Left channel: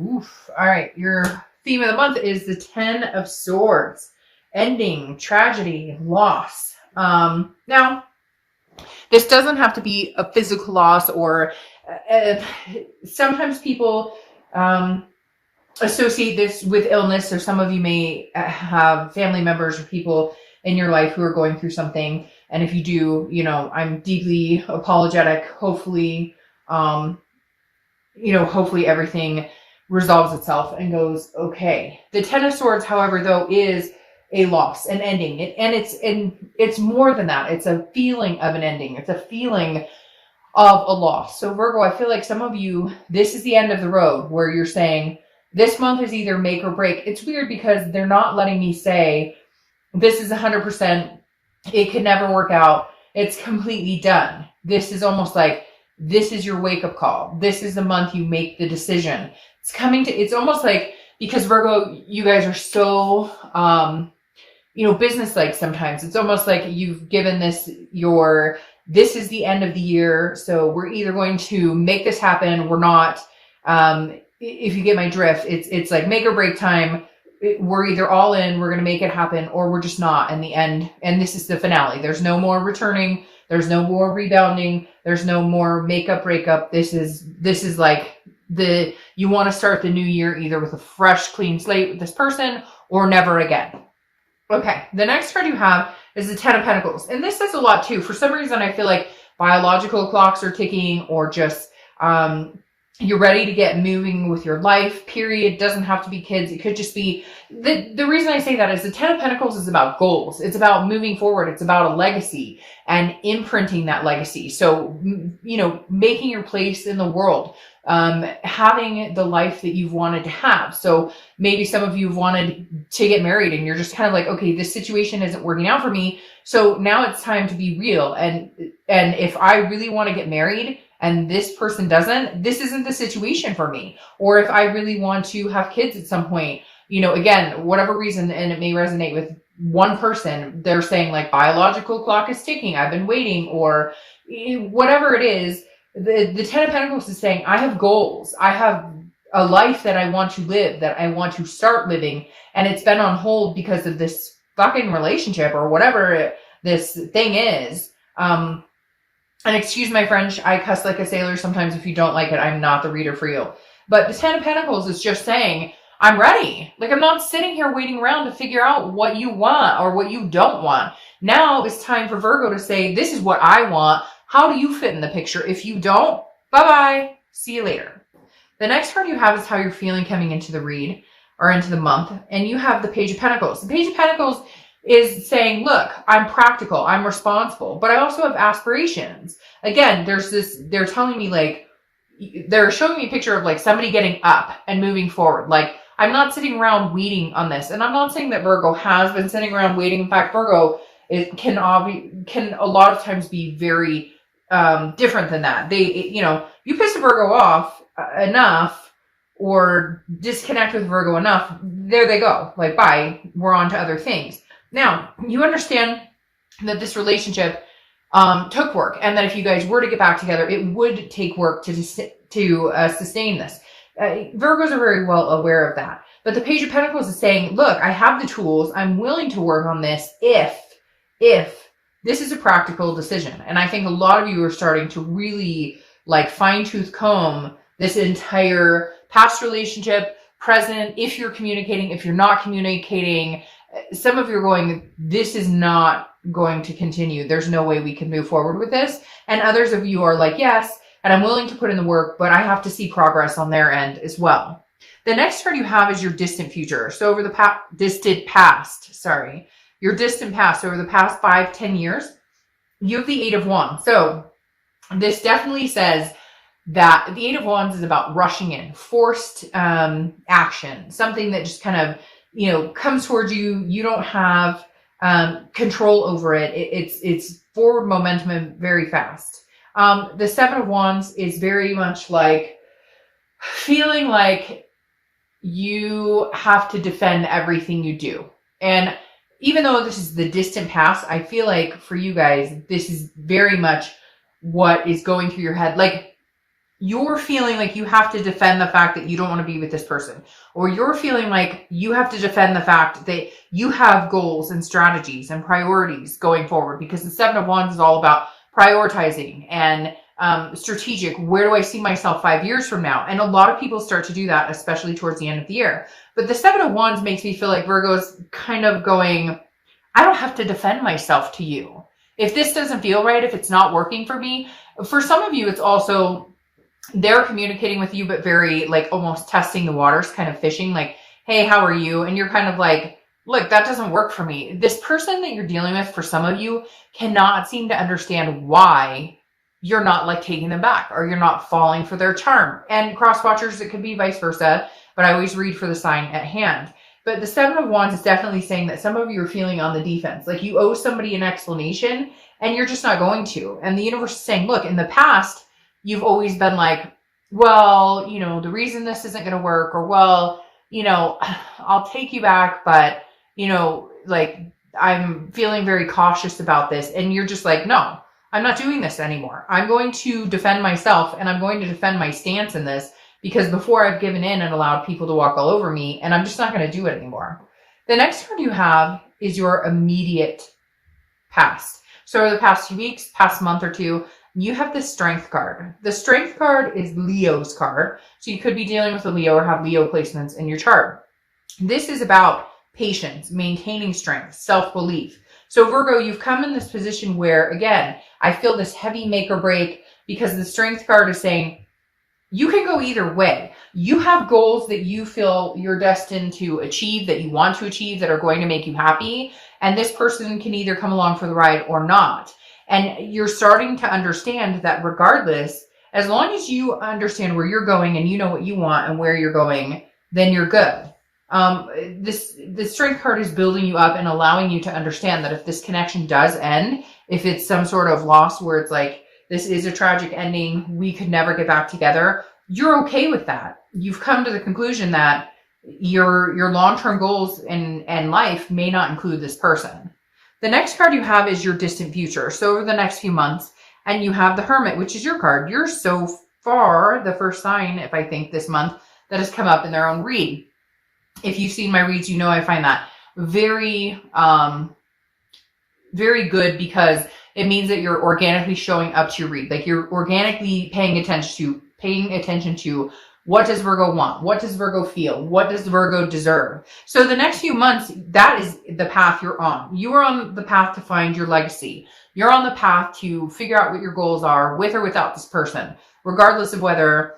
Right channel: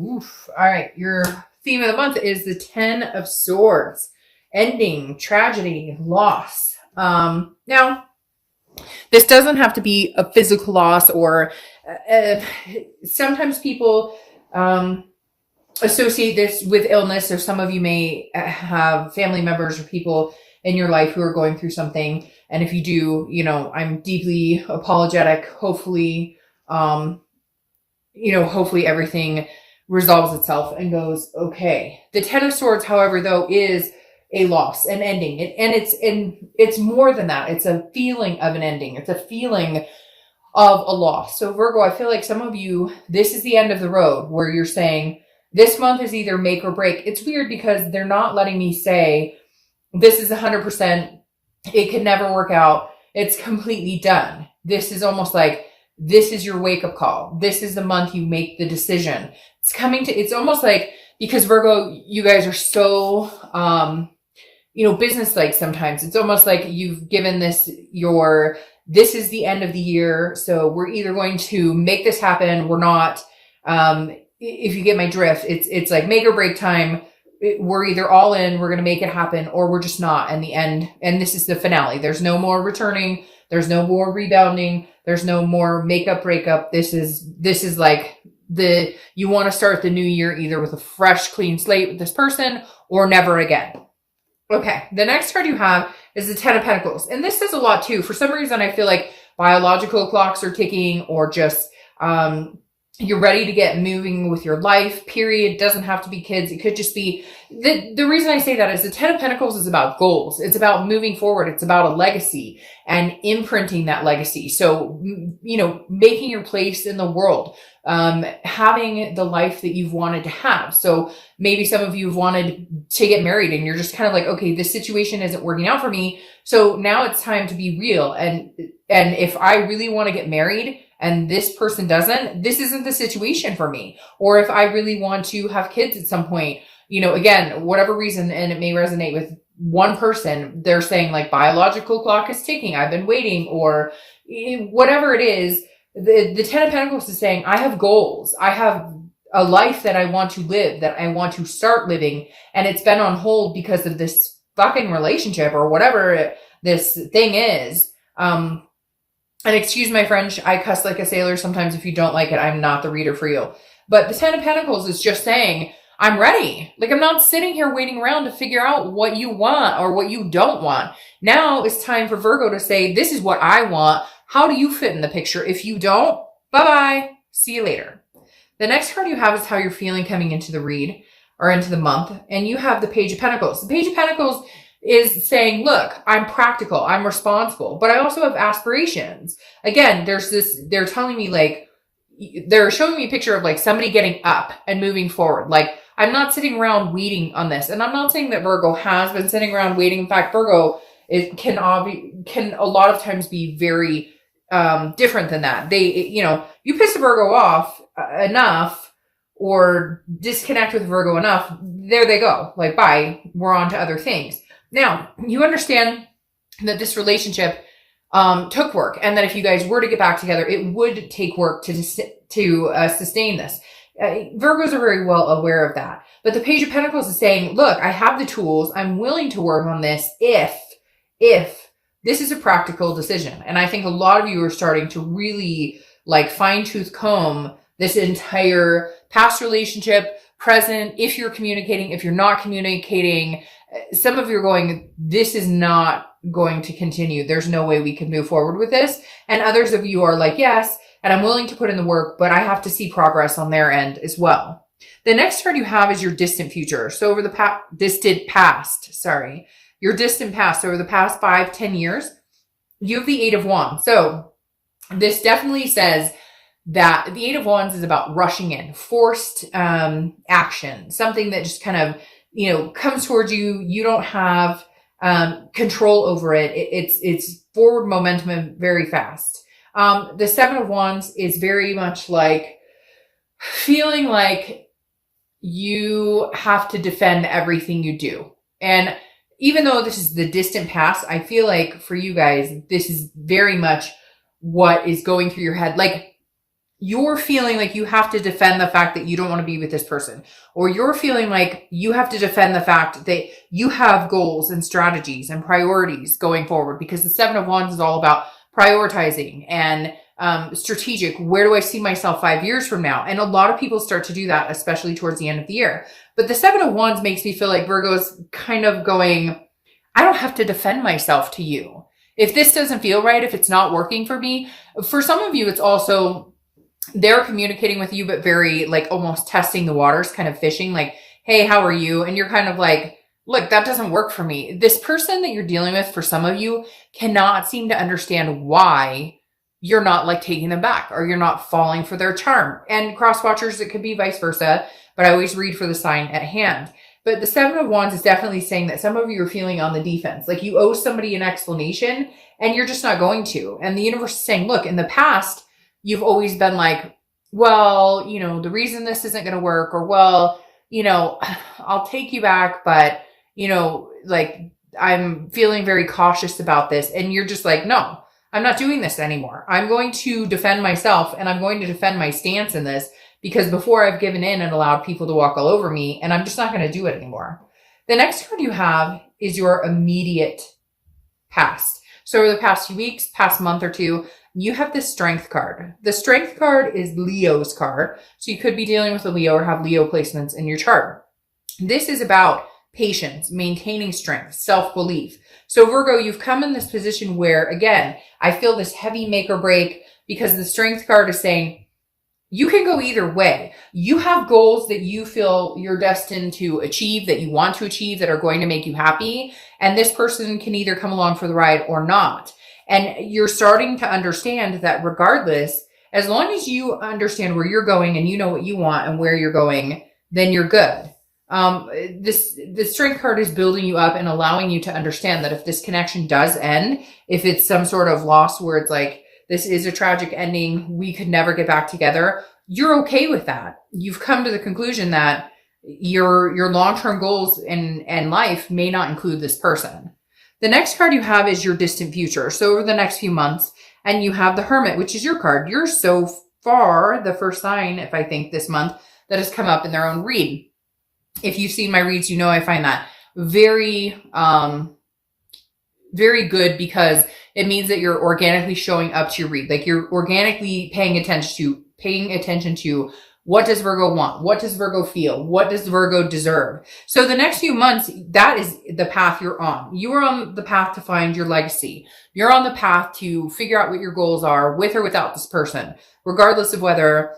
Oof. All right. Your theme of the month is the Ten of Swords. Ending, tragedy, loss. Now, this doesn't have to be a physical loss or sometimes people associate this with illness, or some of you may have family members or people in your life who are going through something. And if you do, I'm deeply apologetic. Hopefully, hopefully everything resolves itself and goes okay. The Ten of Swords, however, though, is a loss, an ending. And it's more than that. It's a feeling of an ending. It's a feeling of a loss. So Virgo, I feel like some of you, this is the end of the road where you're saying this month is either make or break. It's weird because they're not letting me say this is 100%. It could never work out. It's completely done. This is almost like this is your wake up call. This is the month you make the decision. It's almost like, because Virgo, you guys are so, business-like sometimes. It's almost like you've given this this is the end of the year. So we're either going to make this happen. We're not, if you get my drift, it's like make or break time. We're either all in, we're going to make it happen, or we're just not in the end. And this is the finale. There's no more returning. There's no more rebounding. There's no more makeup, breakup. This is like you want to start the new year either with a fresh, clean slate with this person or never again. Okay. The next card you have is the Ten of Pentacles. And this says a lot too. For some reason, I feel like biological clocks are ticking, or just, you're ready to get moving with your life, period. Doesn't have to be kids. It could just be, the reason I say that is the Ten of Pentacles is about goals. It's about moving forward. It's about a legacy and imprinting that legacy. So, making your place in the world, having the life that you've wanted to have. So maybe some of you have wanted to get married and you're just kind of like, okay, this situation isn't working out for me. So now it's time to be real. And if I really want to get married, and this person doesn't, this isn't the situation for me. Or if I really want to have kids at some point, again, whatever reason, and it may resonate with one person, they're saying like biological clock is ticking, I've been waiting, or whatever it is, the Ten of Pentacles is saying, I have goals. I have a life that I want to live, that I want to start living. And it's been on hold because of this fucking relationship or whatever this thing is. And excuse my French, I cuss like a sailor sometimes. If you don't like it, I'm not the reader for you. But the Ten of Pentacles is just saying, I'm ready. Like, I'm not sitting here waiting around to figure out what you want or what you don't want. Now it's time for Virgo to say, this is what I want. How do you fit in the picture? If you don't, bye-bye. See you later. The next card you have is how you're feeling coming into the read or into the month. And you have the Page of Pentacles. The Page of Pentacles is saying, look, I'm practical, I'm responsible, but I also have aspirations. Again, they're telling me like, they're showing me a picture of like somebody getting up and moving forward. Like, I'm not sitting around waiting on this. And I'm not saying that Virgo has been sitting around waiting. In fact, Virgo can a lot of times be very different than that. You piss a Virgo off enough or disconnect with Virgo enough, there they go. Like, bye, we're on to other things. Now, you understand that this relationship took work, and that if you guys were to get back together, it would take work to sustain this. Virgos are very well aware of that. But the Page of Pentacles is saying, look, I have the tools. I'm willing to work on this if this is a practical decision. And I think a lot of you are starting to really like fine-tooth comb this entire past relationship, present, if you're communicating, if you're not communicating. Some of you are going, this is not going to continue. There's no way we can move forward with this. And others of you are like, yes, and I'm willing to put in the work, but I have to see progress on their end as well. The next card you have is your distant future. So over the distant past, your distant past, over the past 5-10 years, you have the Eight of Wands. So this definitely says that the Eight of Wands is about rushing in, forced action, something that just kind of comes towards you. You don't have control over it. It's forward momentum and very fast. The Seven of Wands is very much like feeling like you have to defend everything you do. And even though this is the distant past, I feel like for you guys, this is very much what is going through your head. Like, you're feeling like you have to defend the fact that you don't want to be with this person, or you're feeling like you have to defend the fact that you have goals and strategies and priorities going forward, because the Seven of Wands is all about prioritizing and strategic. Where do I see myself 5 years from now? And a lot of people start to do that, especially towards the end of the year. But the Seven of Wands makes me feel like Virgo's kind of going, I don't have to defend myself to you. If this doesn't feel right, if it's not working for me, for some of you, it's also they're communicating with you, but very like almost testing the waters, kind of fishing, like, hey, how are you? And you're kind of like, look, that doesn't work for me. This person that you're dealing with, for some of you, cannot seem to understand why you're not like taking them back, or you're not falling for their charm. And cross watchers, it could be vice versa, but I always read for the sign at hand. But the Seven of Wands is definitely saying that some of you are feeling on the defense, like you owe somebody an explanation and you're just not going to. And the universe is saying, look, in the past, you've always been like, well, you know, the reason this isn't going to work, or, well, you know, I'll take you back, but, you know, like, I'm feeling very cautious about this. And you're just like, no, I'm not doing this anymore. I'm going to defend myself, and I'm going to defend my stance in this, because before I've given in and allowed people to walk all over me, and I'm just not going to do it anymore. The next card you have is your immediate past. So over the past few weeks, past month or two, you have the Strength card. The Strength card is Leo's card. So you could be dealing with a Leo or have Leo placements in your chart. This is about patience, maintaining strength, self-belief. So Virgo, you've come in this position where, again, I feel this heavy make or break, because the Strength card is saying, you can go either way. You have goals that you feel you're destined to achieve, that you want to achieve, that are going to make you happy. And this person can either come along for the ride or not. And you're starting to understand that regardless, as long as you understand where you're going and you know what you want and where you're going, then you're good. The Strength card is building you up and allowing you to understand that if this connection does end, if it's some sort of loss where it's like, this is a tragic ending, we could never get back together, you're okay with that. You've come to the conclusion that your long-term goals in life may not include this person. The next card you have is your distant future. So over the next few months, and you have the Hermit, which is your card. You're so far the first sign, if I think this month, that has come up in their own read. If you've seen my reads, you know I find that very, very good, because it means that you're organically showing up to your read. Like you're organically paying attention to what does Virgo want? What does Virgo feel? What does Virgo deserve? So the next few months, that is the path you're on. You are on the path to find your legacy. You're on the path to figure out what your goals are, with or without this person, regardless of whether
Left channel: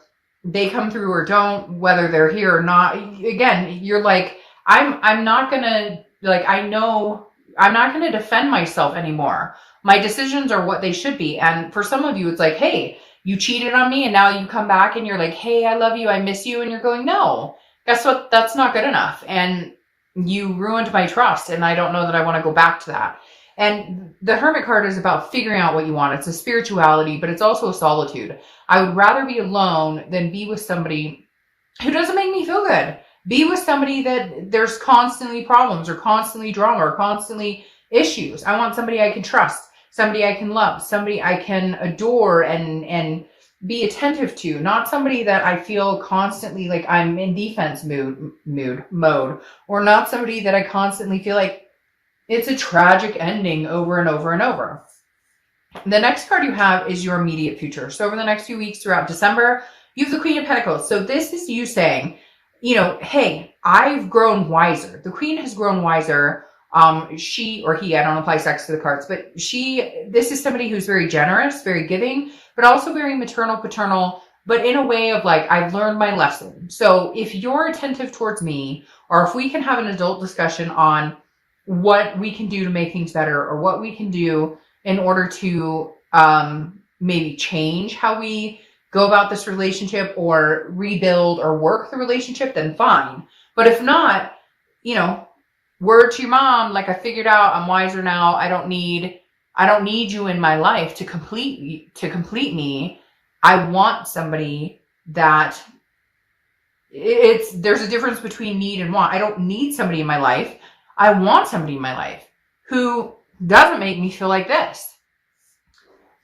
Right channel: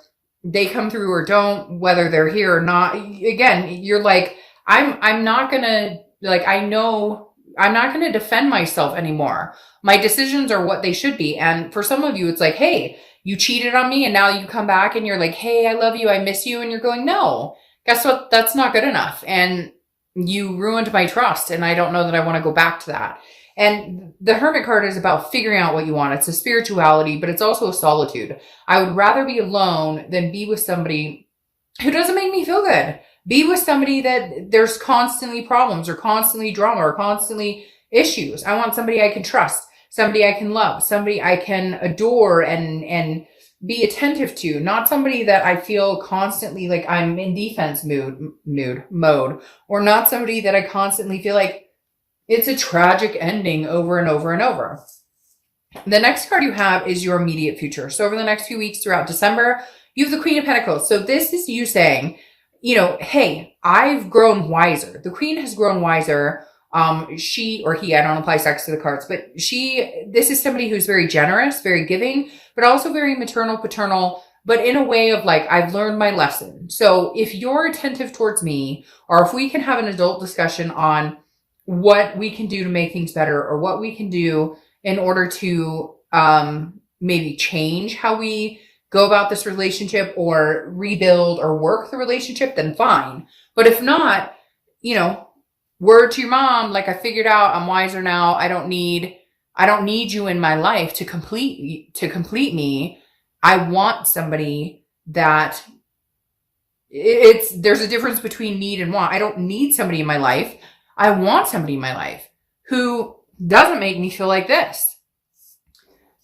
they come through or don't, whether they're here or not. Again, you're like, I'm not gonna, like, I know I'm not gonna defend myself anymore. My decisions are what they should be. And for some of you, it's like, hey, you cheated on me and now you come back and you're like, hey, I love you, I miss you. And you're going, no, guess what? That's not good enough. And you ruined my trust. And I don't know that I want to go back to that. And the Hermit card is about figuring out what you want. It's a spirituality, but it's also a solitude. I would rather be alone than be with somebody who doesn't make me feel good. Be with somebody that there's constantly problems or constantly drama or constantly issues. I want somebody I can trust, somebody I can love, somebody I can adore and be attentive to, not somebody that I feel constantly like I'm in defense mode, or not somebody that I constantly feel like it's a tragic ending over and over and over. The next card you have is your immediate future. So over the next few weeks throughout December, you have the Queen of Pentacles. So this is you saying, you know, hey, I've grown wiser. The Queen has grown wiser. She or he, I don't apply sex to the cards, but this is somebody who's very generous, very giving, but also very maternal, paternal, but in a way of like, I've learned my lesson. So if you're attentive towards me, or if we can have an adult discussion on what we can do to make things better, or what we can do in order to maybe change how we go about this relationship or rebuild or work the relationship, then fine. But if not, you know, word to your mom, like I figured out, I'm wiser now. I don't need you in my life to complete me. I want somebody that there's a difference between need and want. I don't need somebody in my life. I want somebody in my life who doesn't make me feel like this.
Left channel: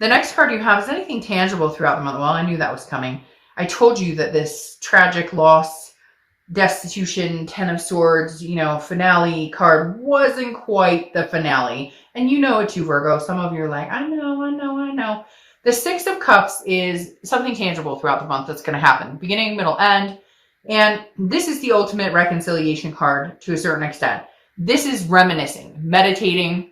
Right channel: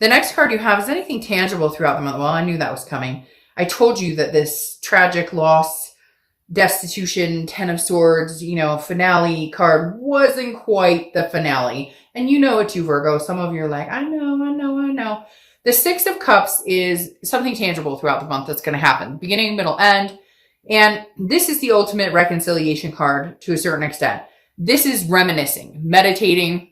The next card you have is anything tangible throughout the month. Well, I knew that was coming. I told you that this tragic loss, destitution, Ten of Swords, finale card wasn't quite the finale. And you know it too, Virgo. Some of you are like, I know. The Six of Cups is something tangible throughout the month that's going to happen. Beginning, middle, end. And this is the ultimate reconciliation card to a certain extent. This is reminiscing, meditating,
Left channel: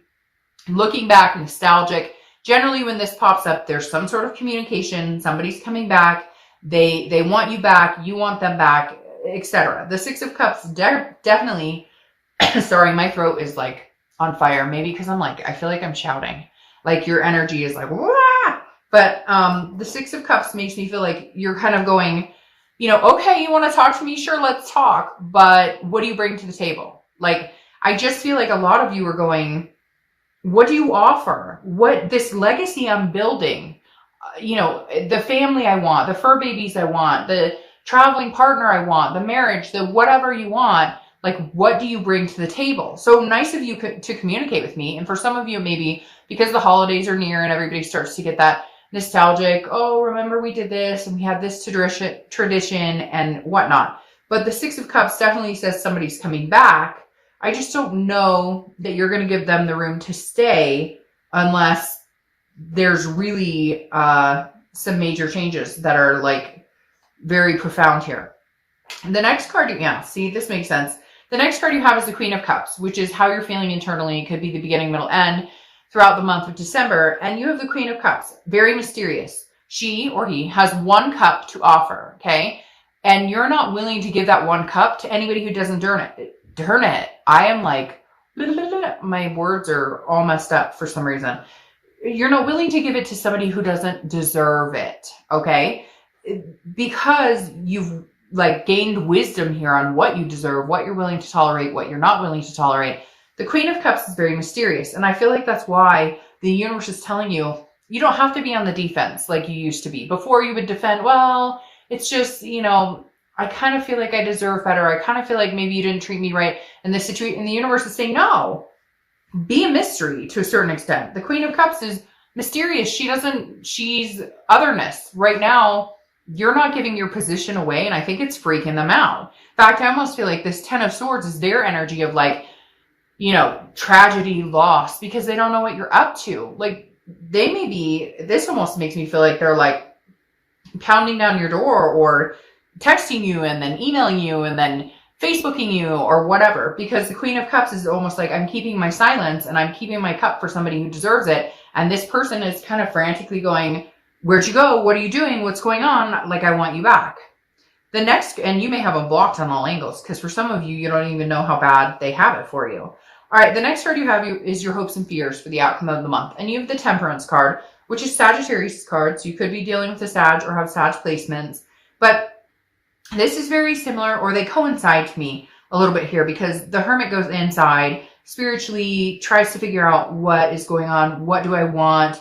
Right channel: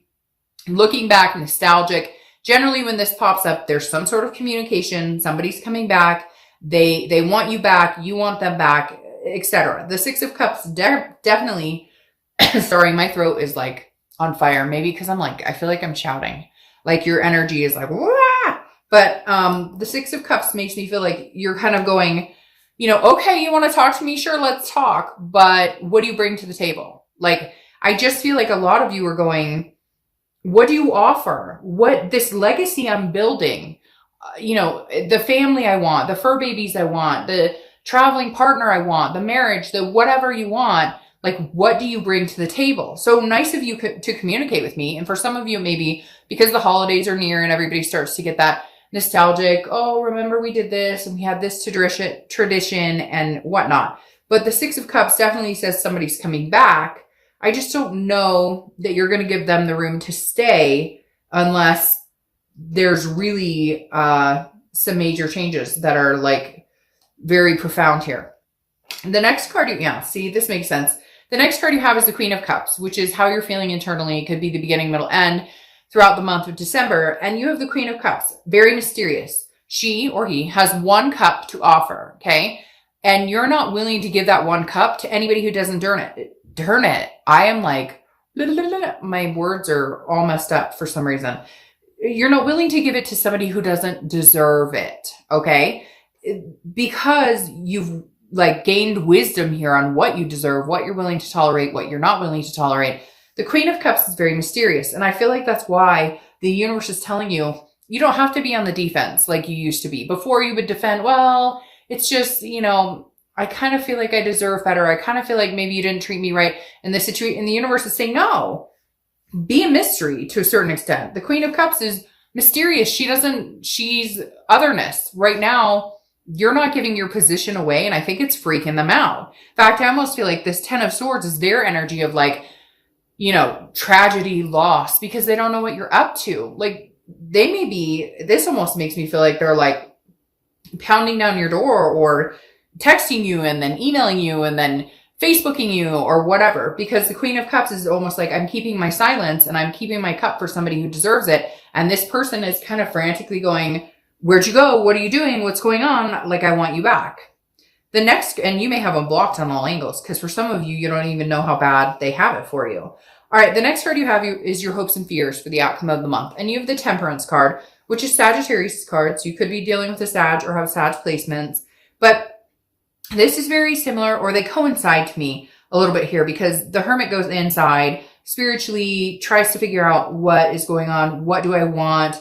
looking back, nostalgic. Generally, when this pops up, there's some sort of communication. Somebody's coming back. They want you back. You want them back, etc. The Six of Cups definitely, sorry, my throat is like on fire. Maybe because I feel like I'm shouting. Like your energy is like, wah! But the Six of Cups makes me feel like you're kind of going, okay, you want to talk to me? Sure, let's talk. But what do you bring to the table? Like, I just feel like a lot of you are going, what do you offer? What this legacy I'm building, the family I want, the fur babies I want, the traveling partner I want, the marriage, the whatever you want, like, what do you bring to the table? So nice of you to communicate with me. And for some of you, maybe because the holidays are near and everybody starts to get that nostalgic, oh, remember we did this and we had this tradition and whatnot. But the Six of Cups definitely says somebody's coming back. I just don't know that you're going to give them the room to stay unless there's really some major changes that are like very profound here. And the next card, see, this makes sense. The next card you have is the Queen of Cups, which is how you're feeling internally. It could be the beginning, middle, end throughout the month of December. And you have the Queen of Cups, very mysterious. She or he has one cup to offer, okay? And you're not willing to give that one cup to anybody who doesn't earn it. I am like, my words are all messed up for some reason. You're not willing to give it to somebody who doesn't deserve it, okay? Because you've gained wisdom here on what you deserve, what you're willing to tolerate, what you're not willing to tolerate. The Queen of Cups is very mysterious. And I feel like that's why the universe is telling you, you don't have to be on the defense like you used to be. Before you would defend, well, it's just, I kind of feel like I deserve better. I kind of feel like maybe you didn't treat me right. And the universe is saying, no, be a mystery to a certain extent. The Queen of Cups is mysterious. She's otherness. Right now, you're not giving your position away. And I think it's freaking them out. In fact, I almost feel like this Ten of Swords is their energy of tragedy, loss, because they don't know what you're up to. Like, they may be, this almost makes me feel like they're like pounding down your door or texting you and then emailing you and then Facebooking you or whatever, because the Queen of Cups is almost like I'm keeping my silence and I'm keeping my cup for somebody who deserves it. And this person is kind of frantically going, where'd you go? What are you doing? What's going on? Like, I want you back. The next, and you may have them blocked on all angles, because for some of you, you don't even know how bad they have it for you. All right, the next card you have is your hopes and fears for the outcome of the month. And you have the Temperance card, which is Sagittarius card. So you could be dealing with a Sag or have Sag placements. But this is very similar, or they coincide to me a little bit here, because the Hermit goes inside spiritually, tries to figure out what is going on. What do I want?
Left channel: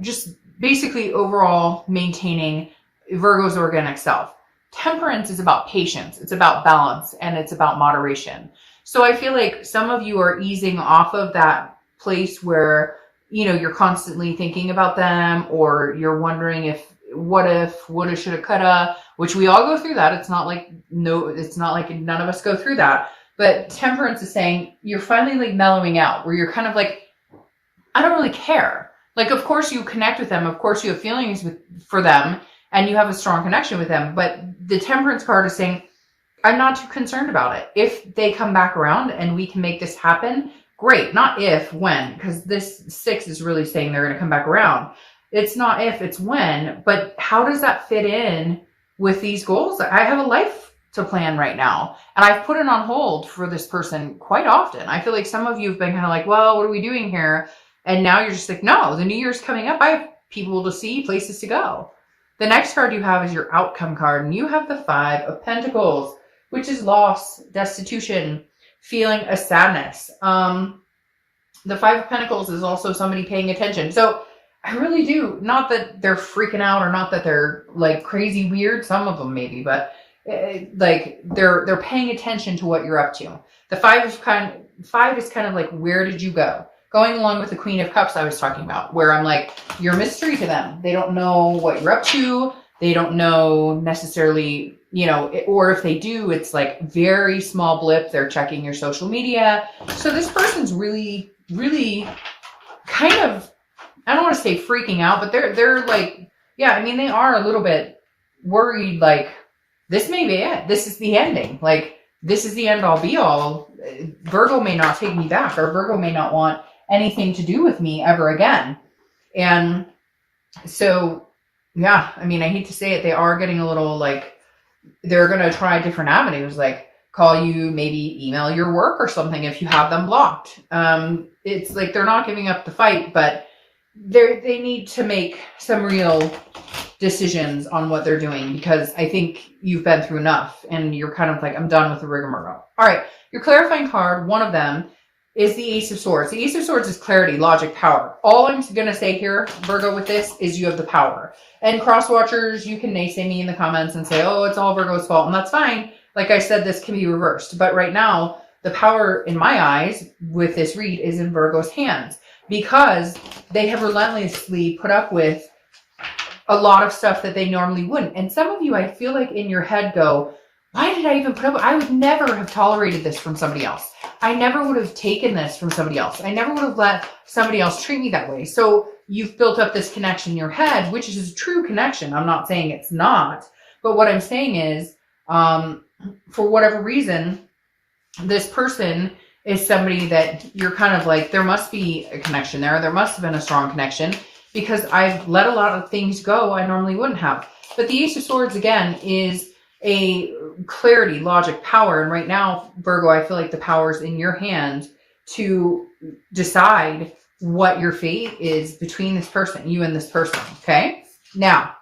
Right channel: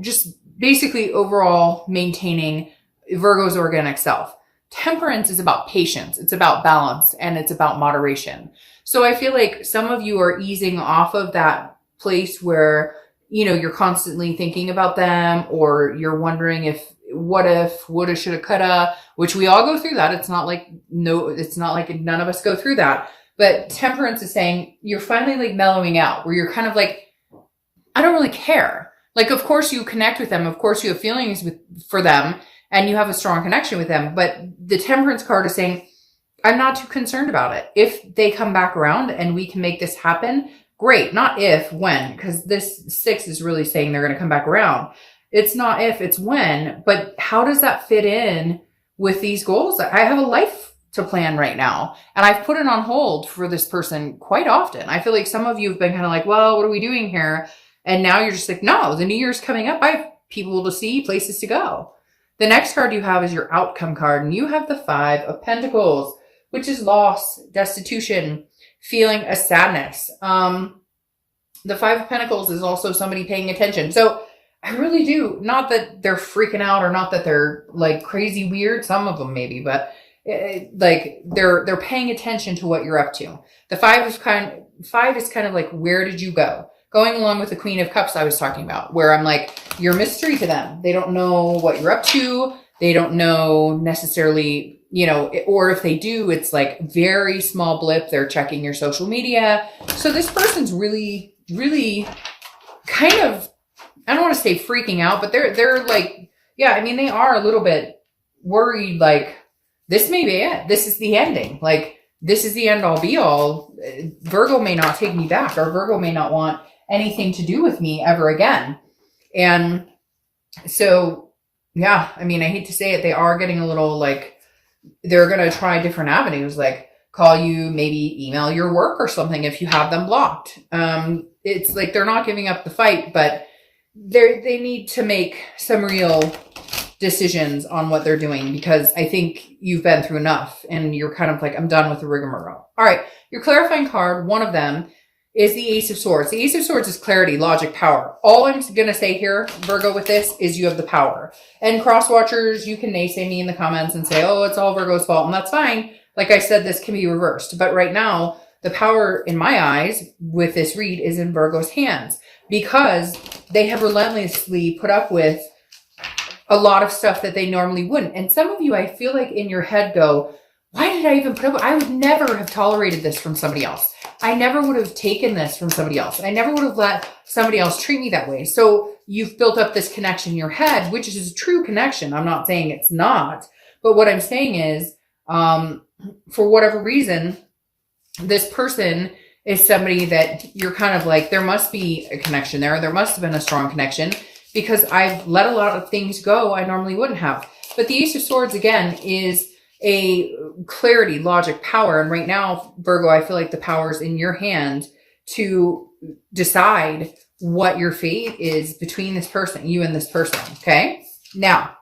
Just basically overall maintaining Virgo's organic self. Temperance is about patience. It's about balance, and it's about moderation. So I feel like some of you are easing off of that place where, you're constantly thinking about them, or you're wondering what if, woulda, shoulda, coulda, which we all go through that. It's not like none of us go through that. But Temperance is saying you're finally mellowing out, where you're kind of like, I don't really care. Like, of course you connect with them. Of course you have feelings for them, and you have a strong connection with them. But the Temperance card is saying, I'm not too concerned about it. If they come back around and we can make this happen, great. Not if, when, because this 6 is really saying they're going to come back around. It's not if, it's when. But how does that fit in with these goals? I have a life to plan right now, and I've put it on hold for this person quite often. I feel like some of you have been kind of like, well, what are we doing here? And now you're just like, no, the new year's coming up. I have people to see, places to go. The next card you have is your outcome card, and you have the 5 of Pentacles, which is loss, destitution, feeling a sadness. The 5 of Pentacles is also somebody paying attention. So I really do, not that they're freaking out or not that they're like crazy weird, some of them maybe, but they're paying attention to what you're up to. The 5 is kind of like, where did you go? going along with the Queen of Cups I was talking about, where I'm like, you're a mystery to them. They don't know what you're up to. They don't know necessarily, you know, or if they do, it's like very small blip. They're checking your social media. So this person's really, really kind of, I don't want to say freaking out, but they're like, yeah, I mean, they are a little bit worried, like, this may be it. This is the ending. Like, this is the end all be all. Virgo may not take me back, or Virgo may not want anything to do with me ever again. And so, yeah, I mean, I hate to say it, they are getting a little like, they're going to try different avenues, like call you, maybe email your work or something if you have them blocked. It's like they're not giving up the fight, but they need to make some real decisions on what they're doing, because I think you've been through enough and you're kind of like, I'm done with the rigmarole. All right, your clarifying card, one of them is the Ace of Swords. The Ace of Swords is clarity, logic, power. All I'm going to say here, Virgo, with this is you have the power. And cross watchers, you can naysay me in the comments and say, oh, it's all Virgo's fault, and that's fine. Like I said, this can be reversed. But right now, the power in my eyes with this read is in Virgo's hands, because they have relentlessly put up with a lot of stuff that they normally wouldn't. And some of you, I feel like in your head go, why did I even put up? I would never have tolerated this from somebody else. I never would have taken this from somebody else. I never would have let somebody else treat me that way. So you've built up this connection in your head, which is a true connection. I'm not saying it's not. But what I'm saying is, for whatever reason, this person is somebody that you're kind of like, there must be a connection there. There must have been a strong connection, because I've let a lot of things go I normally wouldn't have. But the Ace of Swords, again, is a clarity, logic, power. And right now, Virgo, I feel like the power is in your hand to decide what your fate is between this person, you and this person, okay? Now,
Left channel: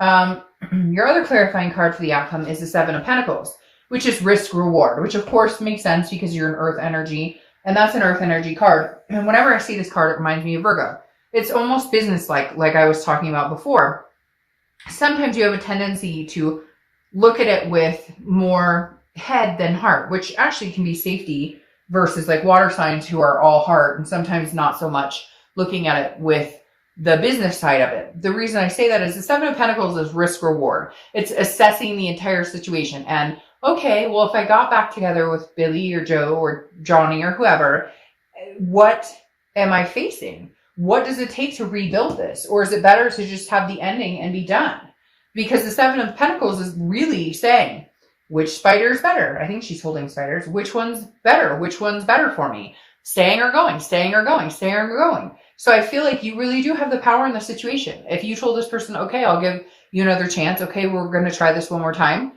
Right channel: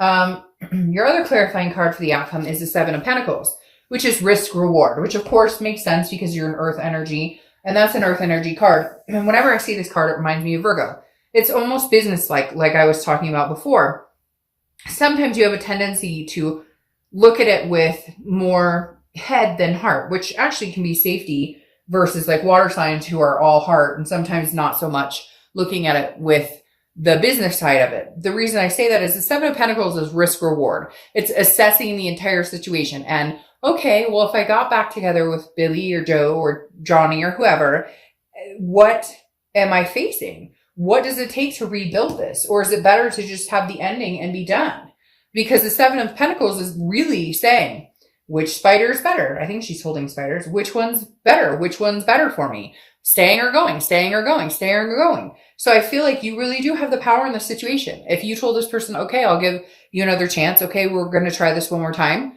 your other clarifying card for the outcome is the Seven of Pentacles, which is risk reward, which of course makes sense because you're an earth energy, and that's an earth energy card. And whenever I see this card, it reminds me of Virgo. It's almost business-like I was talking about before. Sometimes you have a tendency to look at it with more head than heart, which actually can be safety, versus like water signs who are all heart, and sometimes not so much looking at it with the business side of it. The reason I say that is the Seven of Pentacles is risk reward. It's assessing the entire situation. And okay, well, if I got back together with Billy or Joe or Johnny or whoever, what am I facing? What does it take to rebuild this? Or is it better to just have the ending and be done? Because the Seven of Pentacles is really saying, which spider is better? I think she's holding spiders. Which one's better? Which one's better for me? Staying or going, staying or going, staying or going. So I feel like you really do have the power in the situation. If you told this person, okay, I'll give you another chance. Okay, we're going to try this one more time.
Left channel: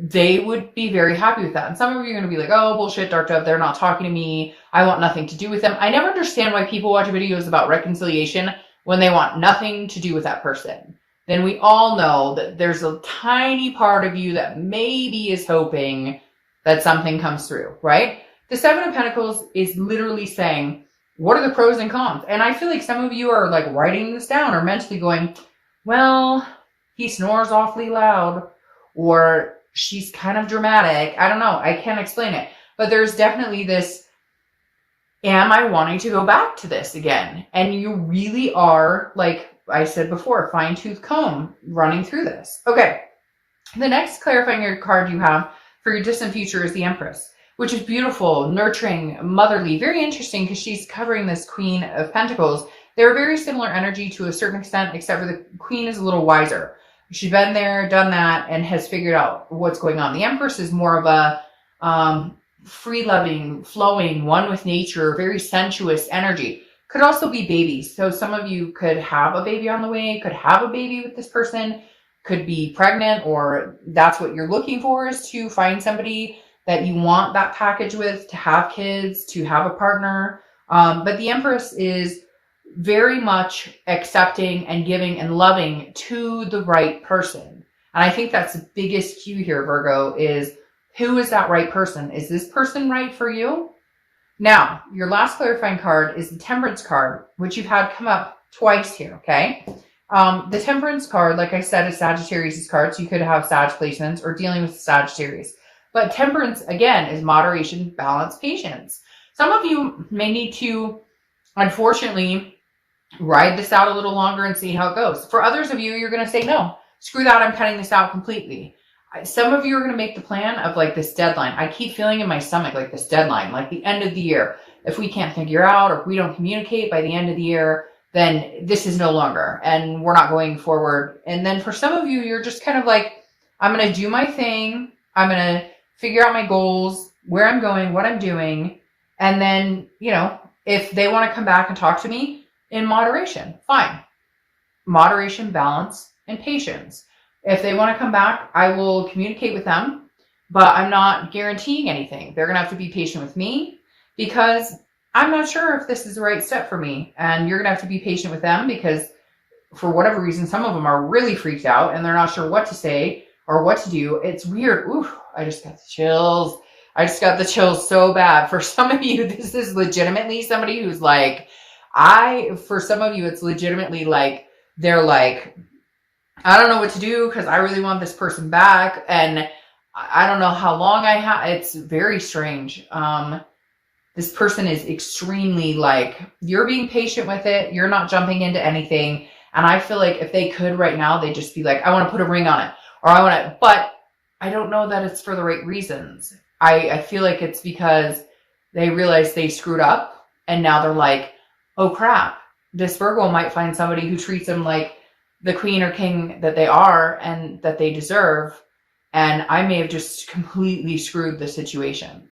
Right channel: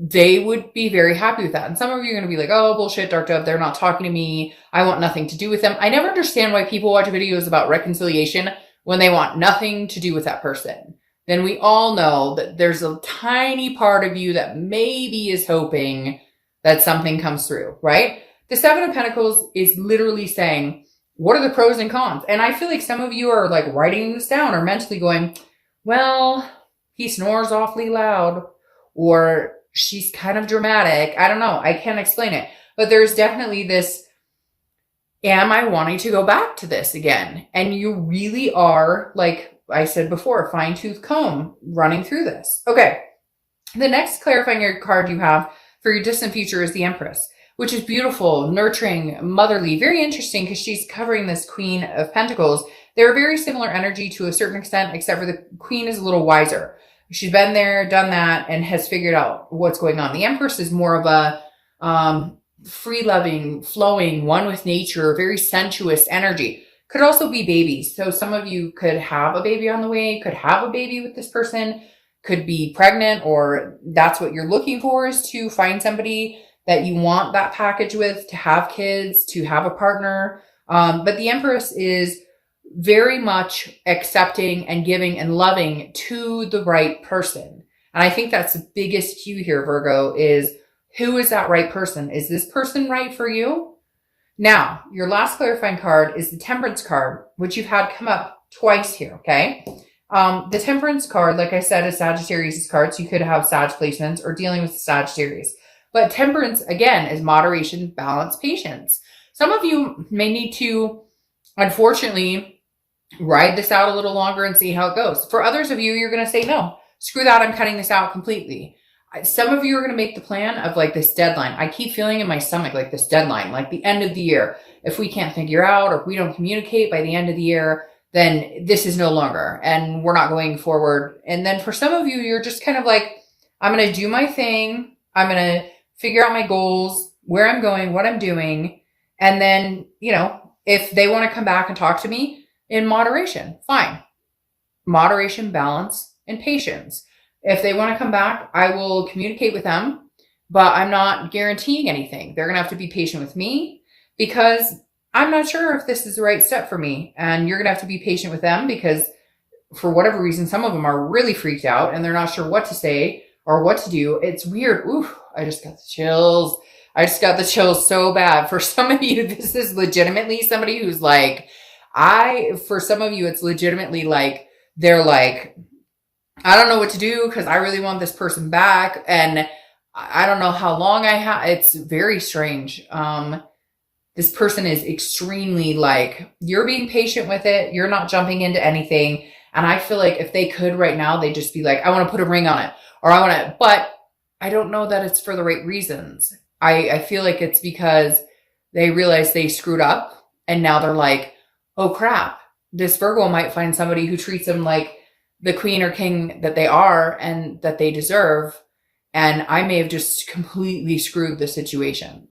They would be very happy with that. And some of you are going to be like, oh, bullshit, Dark Dove, they're not talking to me. I want nothing to do with them. I never understand why people watch videos about reconciliation when they want nothing to do with that person. Then we all know that there's a tiny part of you that maybe is hoping that something comes through, right? The Seven of Pentacles is literally saying, what are the pros and cons? And I feel like some of you are like writing this down or mentally going, well, he snores awfully loud, or she's kind of dramatic. I don't know. I can't explain it. But there's definitely this, am I wanting to go back to this again? And you really are, like I said before, fine-tooth comb running through this. Okay. The next clarifying card you have for your distant future is the Empress, which is beautiful, nurturing, motherly, very interesting because she's covering this Queen of Pentacles. They're a very similar energy to a certain extent, except for the Queen is a little wiser. She's been there, done that, and has figured out what's going on. The Empress is more of a free-loving, flowing, one with nature, very sensuous energy. Could also be babies. So some of you could have a baby on the way, could have a baby with this person, could be pregnant, or that's what you're looking for, is to find somebody that you want that package with, to have kids, to have a partner. But the Empress is very much accepting and giving and loving to the right person. And I think that's the biggest cue here, Virgo, is who is that right person? Is this person right for you? Now, your last clarifying card is the Temperance card, which you've had come up twice here, okay? The Temperance card, like I said, is Sagittarius' card, so you could have Sag placements or dealing with Sagittarius. But Temperance, again, is moderation, balance, patience. Some of you may need to unfortunately, ride this out a little longer and see how it goes. For others of you, you're going to say, no, screw that. I'm cutting this out completely. Some of you are going to make the plan of like this deadline. I keep feeling in my stomach like this deadline, like the end of the year. If we can't figure out or if we don't communicate by the end of the year, then this is no longer and we're not going forward. And then for some of you, you're just kind of like, I'm going to do my thing. I'm going to figure out my goals, where I'm going, what I'm doing. And then, you know, if they want to come back and talk to me in moderation, fine. Moderation, balance, and patience. If they want to come back, I will communicate with them, but I'm not guaranteeing anything. They're going to have to be patient with me because I'm not sure if this is the right step for me. And you're going to have to be patient with them because for whatever reason, some of them are really freaked out and they're not sure what to say or what to do. It's weird. Ooh, I just got the chills. I just got the chills so bad. For some of you, this is legitimately somebody who's like, for some of you, it's legitimately like, they're like, I don't know what to do because I really want this person back. And I don't know how long I have. It's very strange. This person is extremely like, you're being patient with it. You're not jumping into anything. And I feel like if they could right now, they'd just be like, I want to put a ring on it or I want to, but I don't know that it's for the right reasons. I feel like it's because they realize they screwed up and now they're like, oh crap, this Virgo might find somebody who treats them like the queen or king that they are and that they deserve. And I may have just completely screwed the situation.